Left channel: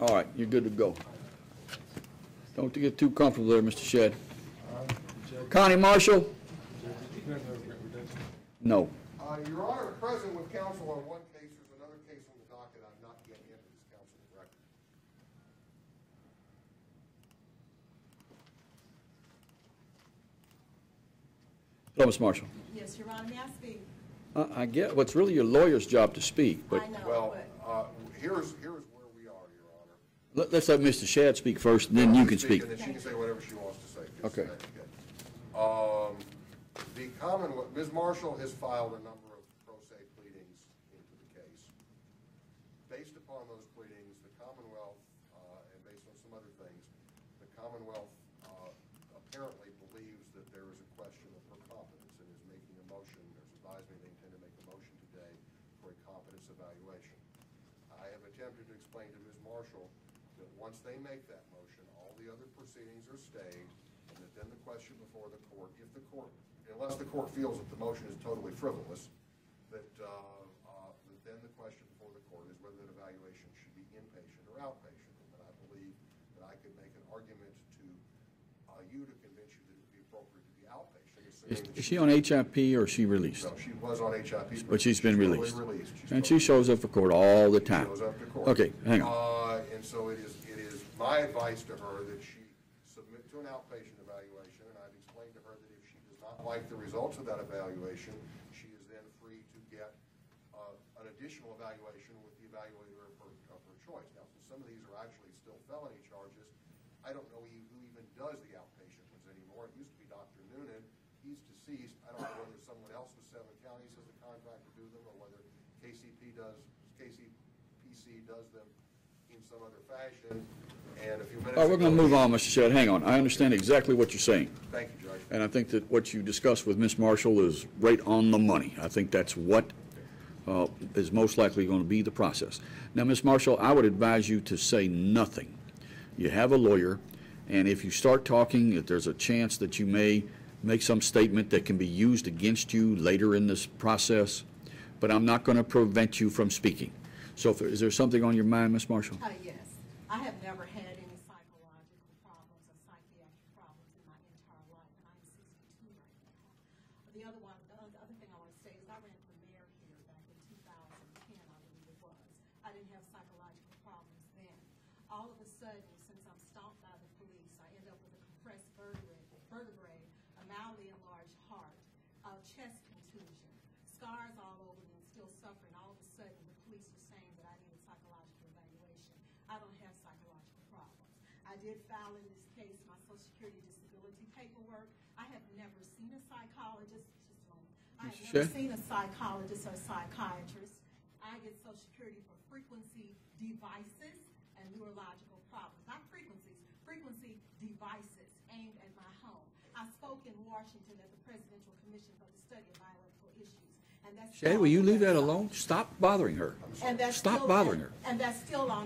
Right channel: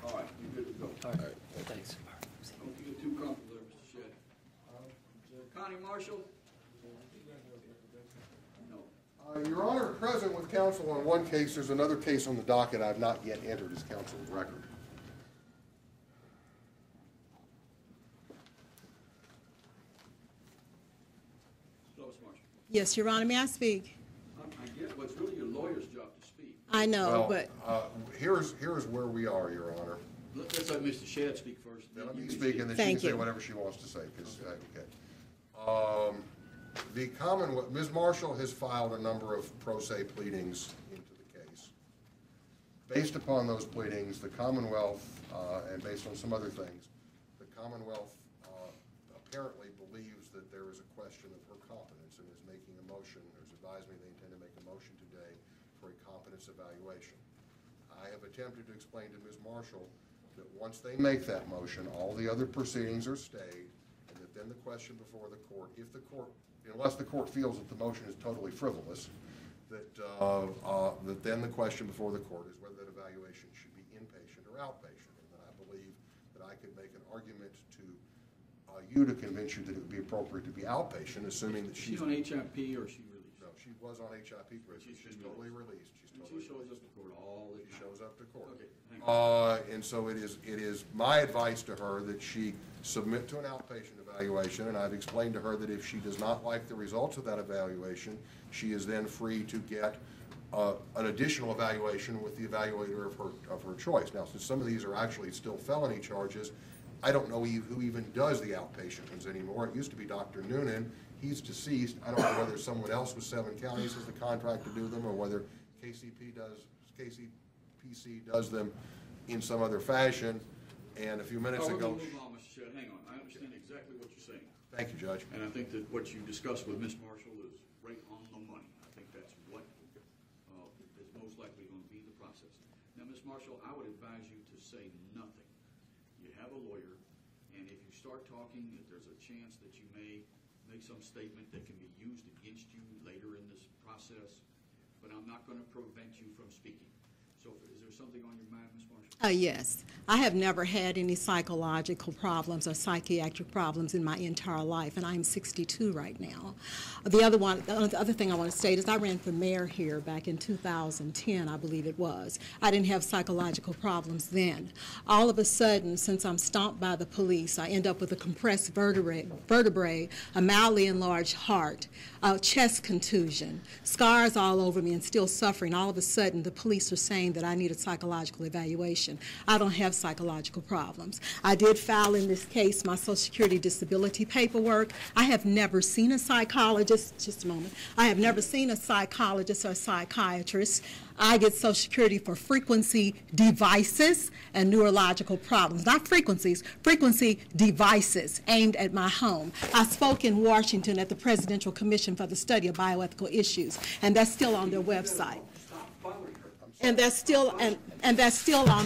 All right, you're good to go. Don't get too comfortable there, Mr. Shedd. Connie Marshall? No. Your Honor, present with counsel on one case, there's another case on the docket I've not yet entered as counsel's record. Hello, Ms. Marshall. Yes, Your Honor, may I speak? I get what's really your lawyer's job to speak. I know, Well, but here's where we are, Your Honor. Let's let Mr. Shedd speak first, and then you can speak. And then Thank she can say you. whatever she wants to say. Okay. The Commonwealth, Ms. Marshall has filed a number of pro se pleadings into the case. Based upon those pleadings, the Commonwealth, and based on some other things, the Commonwealth apparently believes that there is a question of her competence and is making a motion, or has advised me they intend to make a motion today for a competence evaluation. I have attempted to explain to Ms. Marshall that once they make that motion, all the other proceedings are stayed, and that then the question before the court, if the court, unless the court feels that the motion is totally frivolous, that then the question before the court is whether that evaluation should be inpatient or outpatient. And that I believe that I could make an argument to you to convince you that it would be appropriate to be outpatient, assuming that Is she on HIP or is she released? No, she was on HIP, But she's been released. Totally And she shows up for court all the She time. shows up to court. Okay, hang on. And so it is my advice to her that she submit to an outpatient evaluation, and I've explained to her that if she does not like the results of that evaluation, she is then free to get an additional evaluation with the evaluator of her choice. Now, since some of these are actually still felony charges, I don't know who even does the outpatient ones anymore. It used to be Dr. Noonan. He's deceased. I don't know whether someone else with 7 counties has the contract to do them, or whether KCPC does them in some other fashion. And a few minutes All right, we're going to move on, Mr. Shedd. Hang on. I understand exactly what you're saying. Thank you, Judge. And I think that what you discussed with Ms. Marshall is right on the money. I think that's what is most likely going to be the process. Now, Ms. Marshall, I would advise you to say nothing. You have a lawyer, and if you start talking, if there's a chance that you may make some statement that can be used against you later in this process, but I'm not going to prevent you from speaking. So is there something on your mind, Ms. Marshall? Yes. I have never had any psychological problems or psychiatric problems in my entire life, and I'm 62 right now. The other thing I want to state is I ran for mayor here back in 2010, I believe it was. I didn't have psychological problems then. All of a sudden, since I'm stomped by the police, I end up with a compressed vertebrae, a mildly enlarged heart, a chest contusion, scars all over me, and still suffering. All of a sudden, the police are saying that I need a psychological evaluation. I don't have psychological problems. I did file in this case my Social Security disability paperwork. I have never seen a psychologist, just a moment. I have never seen a psychologist or a psychiatrist. I get Social Security for frequency devices and neurological problems. Not frequencies, frequency devices aimed at my home. I spoke in Washington at the Presidential Commission for the Study of Bioethical Issues, and that's still on their website. Will you leave that alone? Stop bothering her. And that's still on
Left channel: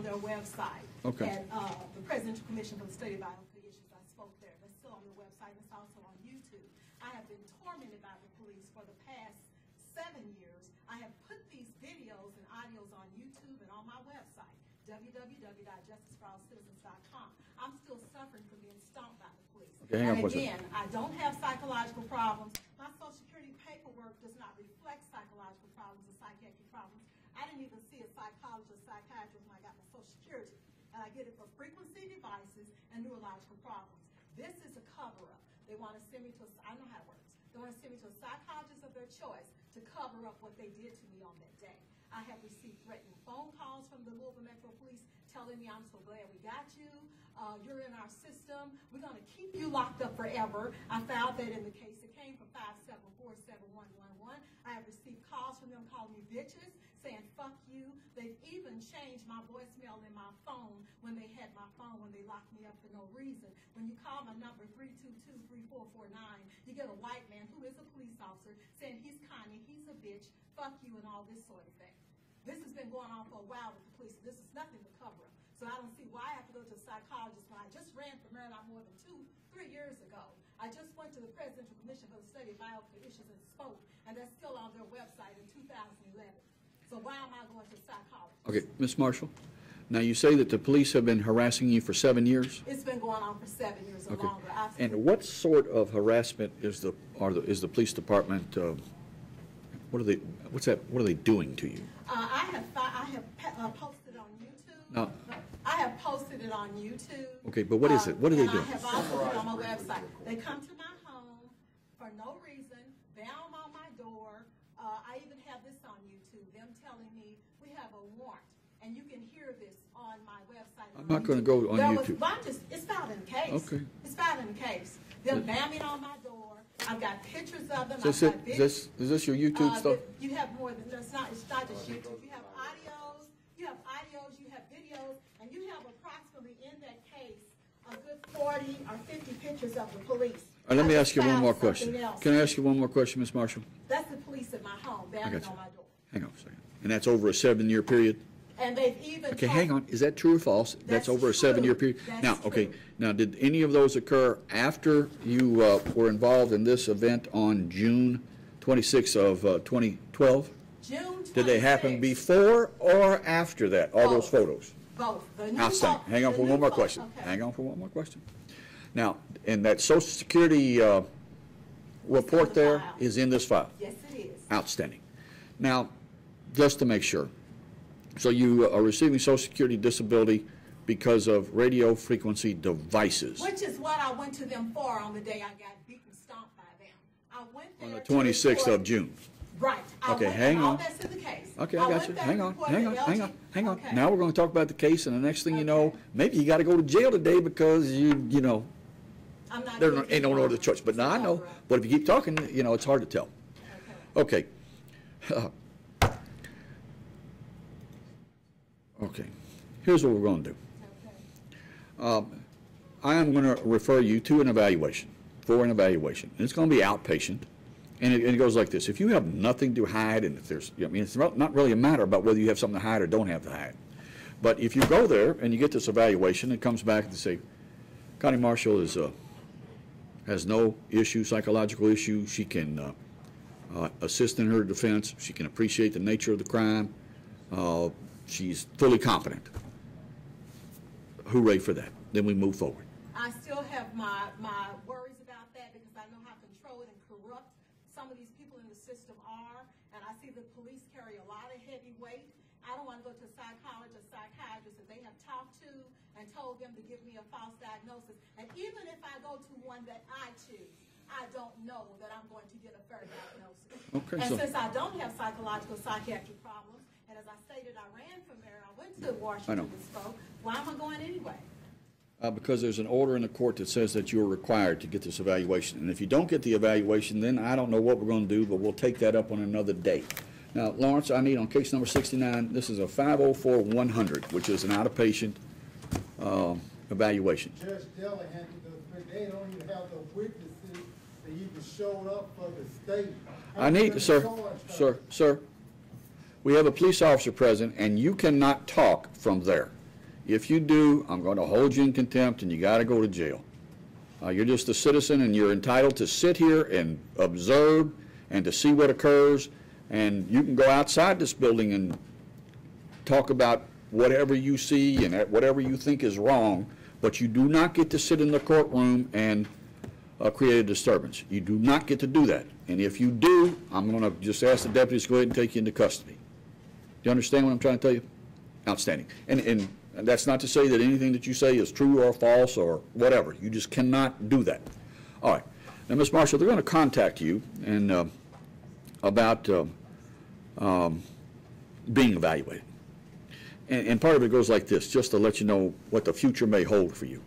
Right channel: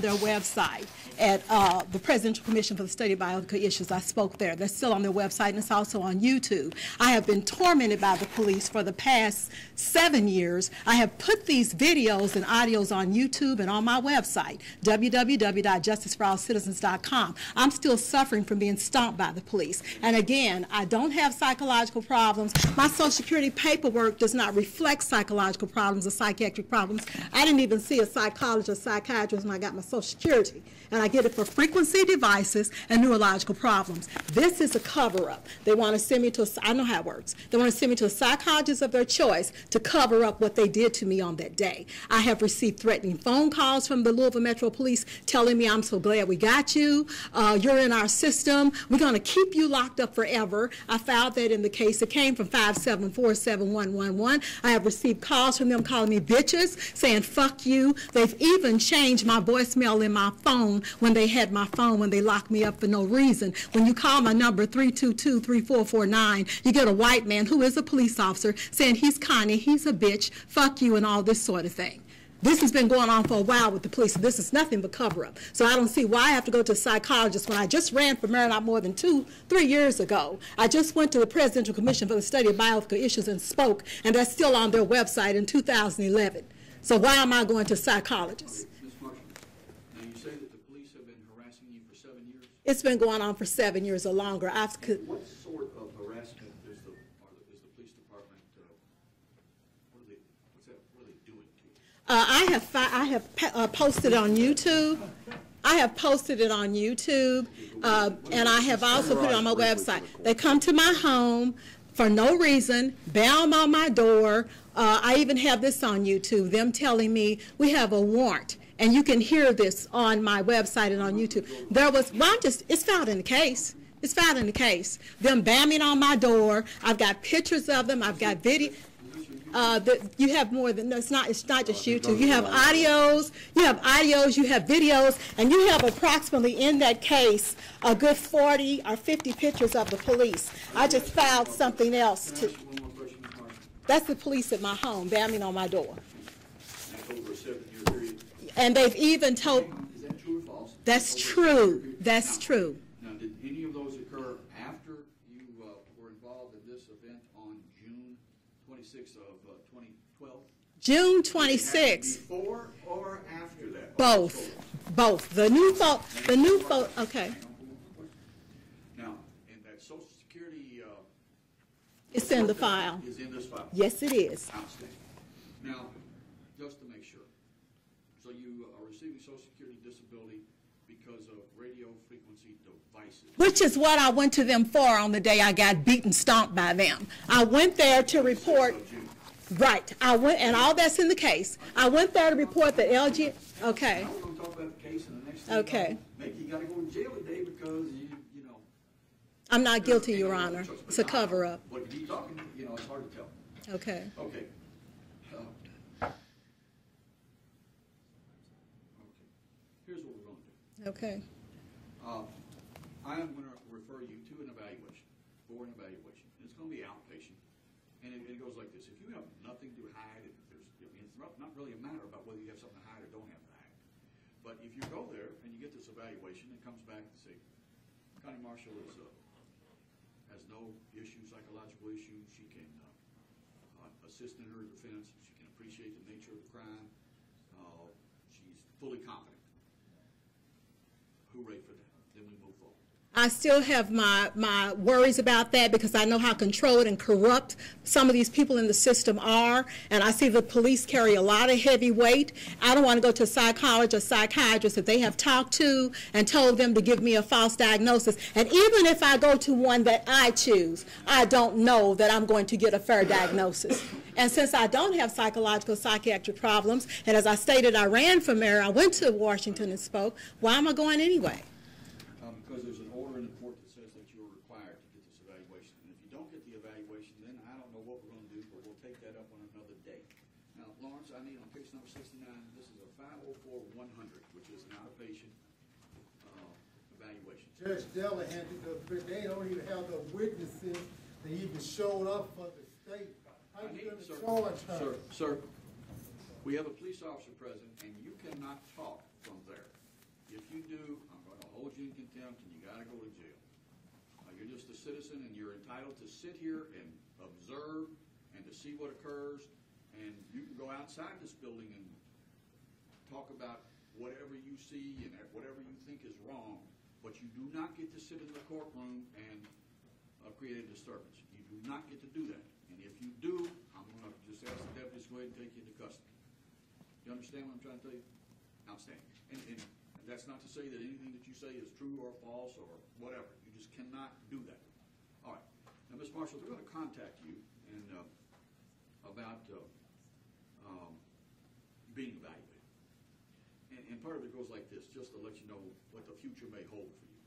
their website at the Presidential Commission for the Study of Bioethical Issues. I spoke there. That's still on their website, and it's also on YouTube. I have been tormented by the police for the past 7 years. I have put these videos and audios on YouTube and on my website, www.justiceforallcitizens.com. I'm still suffering from being stomped by the police. And again, I don't have psychological problems. My Social Security paperwork does not reflect psychological problems or psychiatric problems. I didn't even see a psychologist or psychiatrist when I got my Social Security. And I get it for frequency devices and neurological problems. This is a cover-up. They want to send me to I know how it works. They want to send me to a psychologist of their choice to cover up what they did to me on that day. I have received threatening phone calls from the Louisville Metro Police telling me, I'm so glad we got you. You're in our system. We're going to keep you locked up forever. I filed that in the case. It came from 5747111. I have received calls from them calling me bitches, saying fuck you. They've even changed my voicemail in my phone when they had my phone, when they locked me up for no reason. When you call my number 322-3449, you get a white man who is a police officer saying he's Connie, he's a bitch, fuck you, and all this sort of thing. This has been going on for a while with the police. This is nothing but cover-up. So I don't see why I have to go to a psychologist when I just ran for mayor not more than 2-3 years ago. I just went to the Presidential Commission for the Study of Bioethical Issues and spoke, and that's still on their website in 2011. So why am I going to a psychologist? Okay, Ms. Marshall, Now, you say that the police have been harassing you for 7 years? It's been going on for 7 years or longer. And what sort of harassment is the police department, what are they doing to you? I have posted on YouTube. I have posted it on YouTube. Okay, but what is it? What are and they I doing? have also put it on my website. They come to my home for no reason, bang on my door. I even have this on YouTube, them telling me we have a warrant. And you can hear this on my website and on YouTube. It's filed in the case. Okay. It's filed in the case. Them banging on my door. I've got pictures of them. I've got videos. Is this your YouTube stuff? You have more than, no, it's not just YouTube. You have audios, you have videos, and you have approximately in that case a good 40 or 50 pictures of the police. I just filed something else. Can I ask you one more question, Ms. Marshall? That's the police at my home banging on my door. Hang on a second. And that's over a 7-year period? And they've even told. Hang on, is that true or false? That's over true. A 7-year period? That's true. Okay. Now, did any of those occur after you were involved in this event on June 26th of 2012? June 26th. Did they happen before or after that? All those photos? Both. The new photo. Hang on for one more question. Okay. Hang on for one more question. Now, and that Social Security report there is in this file? Yes, it is. Outstanding. Now, just to make sure, so you are receiving Social Security disability because of radio frequency devices. Which is what I went to them for on the day I got beaten, stomped by them. I went there to report. 26th of June. Right. I went, and all that's in the case. Okay, I went there to report the LG. Hang on. Okay. Now we're going to talk about the case, and the next thing you know, Okay. maybe you got to go to jail today because you know. I'm not There's guilty, ain't Your no Honor. other choice. But It's a now I know. cover-up. But if you keep talking, it's hard to tell. Okay. Okay. Okay. Here's what we're going to do. Okay. I am going to refer you to an evaluation, And it's going to be outpatient. And it goes like this. If you have nothing to hide, and if there's, it's not really a matter about whether you have something to hide or don't have to hide. But if you go there and you get this evaluation, it comes back and say, Connie Marshall has no issue, psychological issue. She can assist in her defense. She can appreciate the nature of the crime. She's fully competent. Hooray for that. Then we move forward. I still have my worries about that because I know how controlled and corrupt some of these people in the system are, and I see the police carry a lot of heavy weight. I don't want to go to a psychologist or psychiatrist if they have talked to and told them to give me a false diagnosis. And even if I go to one that I choose, I don't know that I'm going to get a fair diagnosis. Okay, and since I don't have psychological, psychiatric problems, and as I stated, I ran for mayor, I went to Washington and spoke, why am I going anyway? Because there's an order in the court that says that you're required to get this evaluation. And if you don't get the evaluation, then I don't know what we're going to do, but we'll take that up on another day. Now, Lawrence, I need on case number 69, this is a 504-100, which is an out-of-patient evaluation. Judge Della had they don't even have the witnesses that even showed up for the state. I need, sir, we have a police officer present, and you cannot talk from there. If you do, I'm going to hold you in contempt, and you got to go to jail. You're just a citizen, and you're entitled to sit here and observe and to see what occurs. And you can go outside this building and talk about whatever you see and whatever you think is wrong, but you do not get to sit in the courtroom and create a disturbance. You do not get to do that. And if you do, I'm going to just ask the deputies to go ahead and take you into custody. Do you understand what I'm trying to tell you? Outstanding. And that's not to say that anything that you say is true or false or whatever. You just cannot do that. All right. Now, Ms. Marshall, they're going to contact you and about being evaluated. And part of it goes like this, just to let you know what the future may hold for you.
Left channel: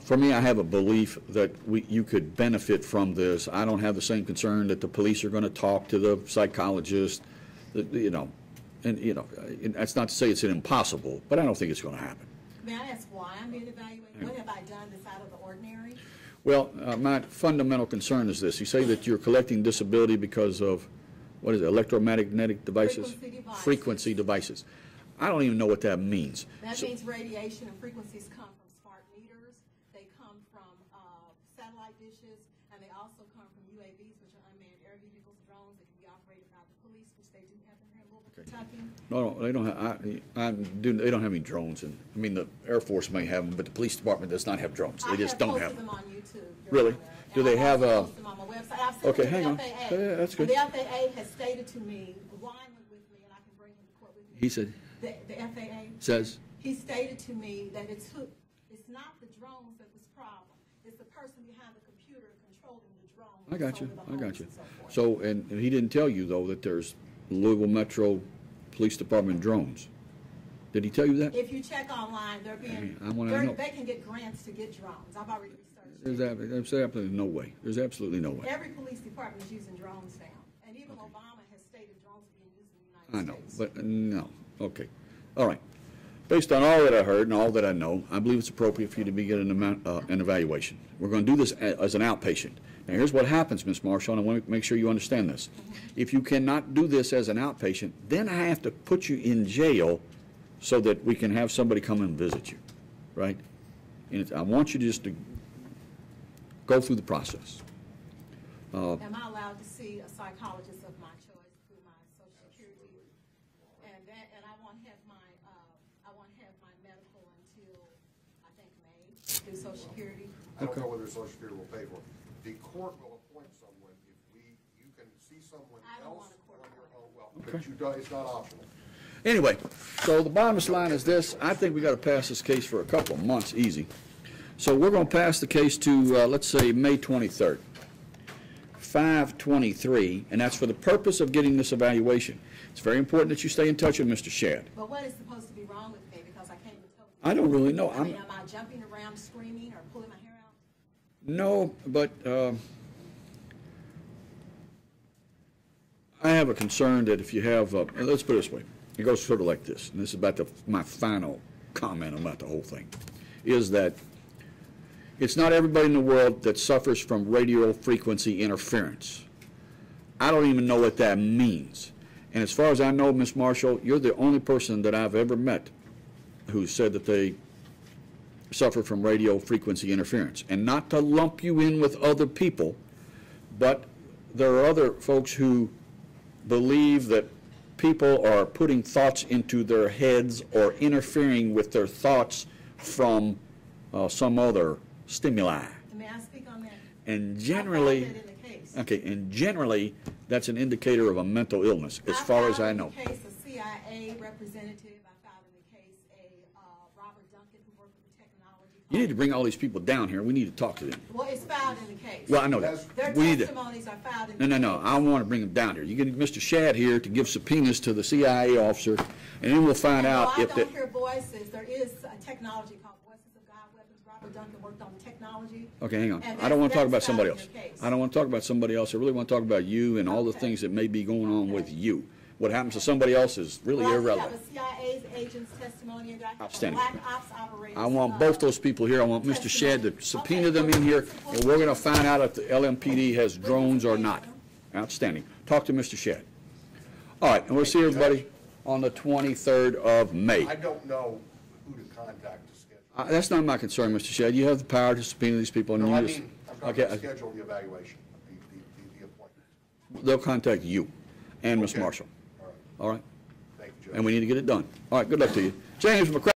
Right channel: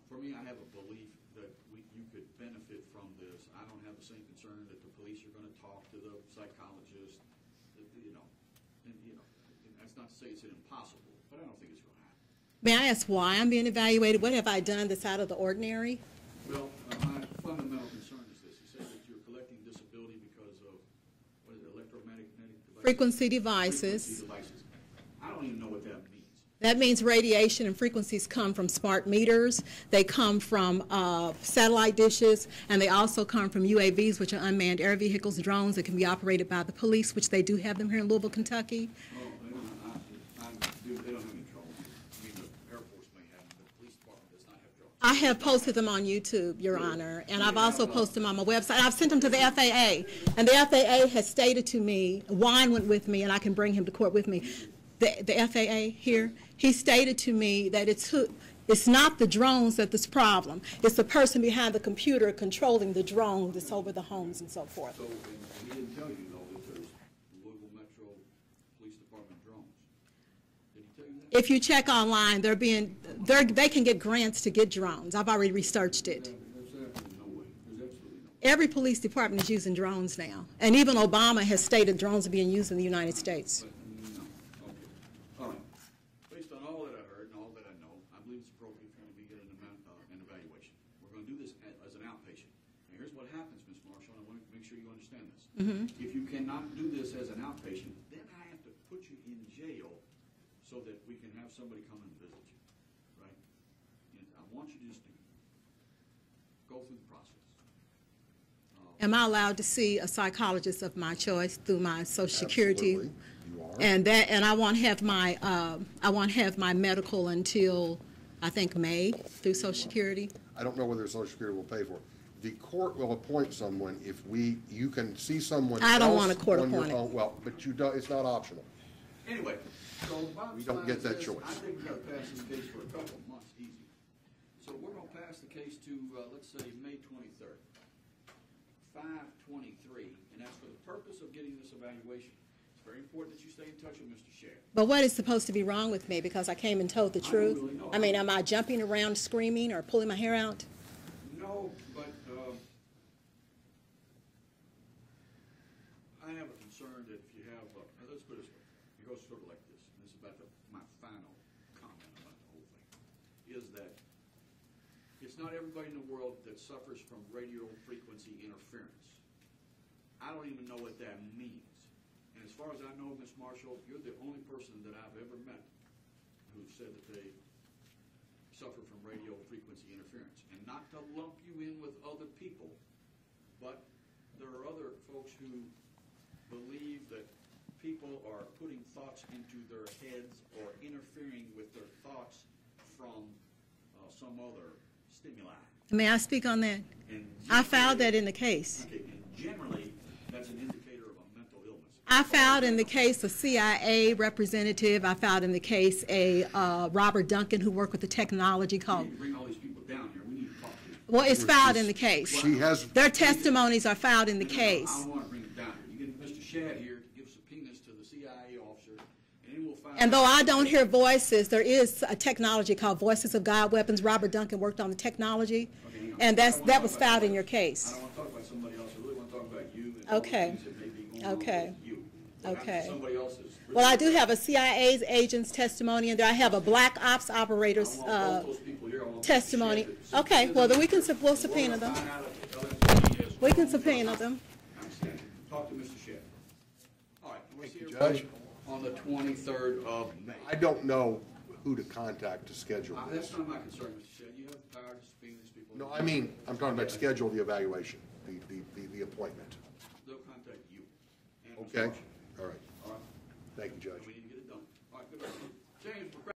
For me, I have a belief that you could benefit from this. I don't have the same concern that the police are going to talk to the psychologist, and that's not to say it's impossible, but I don't think it's going to happen. May I ask why I'm being evaluated? What have I done that's out of the ordinary? Well, my fundamental concern is this. You say that you're collecting disability because of, what is it, electromagnetic devices? Frequency devices. Frequency devices. I don't even know what that means. That means radiation and frequencies come from smart meters, they come from satellite dishes, and they also come from UAVs, which are unmanned air vehicles, drones that can be operated by the police, which they do have them here in Louisville, Kentucky. No, they don't have, they don't have any drones. And, I mean, the Air Force may have them, but the police department does not have drones. I They just have don't posted have them on YouTube, Your Really? Honor, Do and they I've also have, posted them on my website. I've sent them Okay, to the hang on. FAA, Yeah, that's and the FAA has stated to me, Juan went with me, and I can bring him to court with me. He said- The FAA here, Says- he stated to me that it's not the drones that's the problem. It's the person behind the computer controlling the drone I that's got you. over the I got homes you. and so forth. So, and he didn't tell you, though, that there's Louisville Metro Police Department drones. Did he tell you that? If you check online, they're being, I wanna know. they can get grants to get drones. I've already researched it. There's absolutely no way. There's absolutely no way. Every police department is using drones now. And even Obama has stated drones are being used in the United I know, States. But, no, okay. All right. Based on all that I heard and all that I know, I believe it's appropriate for you to be getting an evaluation. We're going to do this as an outpatient. Now, here's what happens, Ms. Marshall, and I want to make sure you understand this. If you cannot do this as an outpatient, then I have to put you in jail so that we can have somebody come and visit you, right? And I want you just to go through the process. Am I allowed to see a psychologist of my choice through my Social Security? Absolutely, you are. And I won't have my medical until, I think, May through Social Security. I don't know whether Social Security will pay for it. The court will appoint someone if you can see someone else. I don't want a court on your appointed. own. Well, but you don't, it's not optional. Anyway, so the bottom Don't line get is that this. choice. I think we got to pass this case for a couple of months, easy. So we're going to pass the case to, let's say, May 23rd, 5/23, and that's for the purpose of getting this evaluation. It's very important that you stay in touch with Mr. Shad. But what is supposed to be wrong with me because I came and told the truth? I don't really know. I mean, am I jumping around screaming or pulling my hair out? No, but I have a concern that if you have, let's put it this way. It goes sort of like this, and this is about my final comment about the whole thing, is that it's not everybody in the world that suffers from radio frequency interference. I don't even know what that means. And as far as I know, Ms. Marshall, you're the only person that I've ever met who said that they suffer from radio frequency interference. And not to lump you in with other people, but there are other folks who believe that people are putting thoughts into their heads or interfering with their thoughts from some other stimuli. May I speak on that? And I generally, found that in the case. Okay, and generally, that's an indicator of a mental illness, as I far as found I in the know. case a CIA representative. I found in the case a Robert Duncan who worked with the technology You need to called. bring all these people down here. We need to talk to them. Well, it's filed in the case. Well, I know. He has- Their We need to- testimonies are filed in the No, case. I want to bring them down here. You get Mr. Shad here to give subpoenas to the CIA officer, and then we'll find And out. though I if don't it- hear voices, there is a technology called Voices of God Weapons. Robert Duncan worked on the technology. Okay, hang on. And I don't want to that talk was about filed somebody in your else. case. I don't want to talk about somebody else. I really want to talk about you and all the Okay. things that may be going on Okay. with you. What happens to Okay. somebody else is really Well, I irrelevant. do have a CIA agent's testimony, and there I have a Outstanding. black ops operator's I want both those people here. I want Mr. Shad testimony. to Okay, subpoena well, them then in we here. can we'll And we're going to subpoena them. find out if the LMPD has We can drones or subpoena not. them. Outstanding. Talk to Mr. Shad. All right, and we'll see everybody on the 23rd of May. I don't know who to contact to schedule. That's not my concern, Mr. Shad. You have the power to subpoena these people. And No, I use- mean, I'm talking Okay, about schedule the evaluation, the appointment. They'll contact you and Ms. Okay. Marshall. All right, All right? thank you, Judge. And we need to get it done. All right, good luck to you. James McCracken.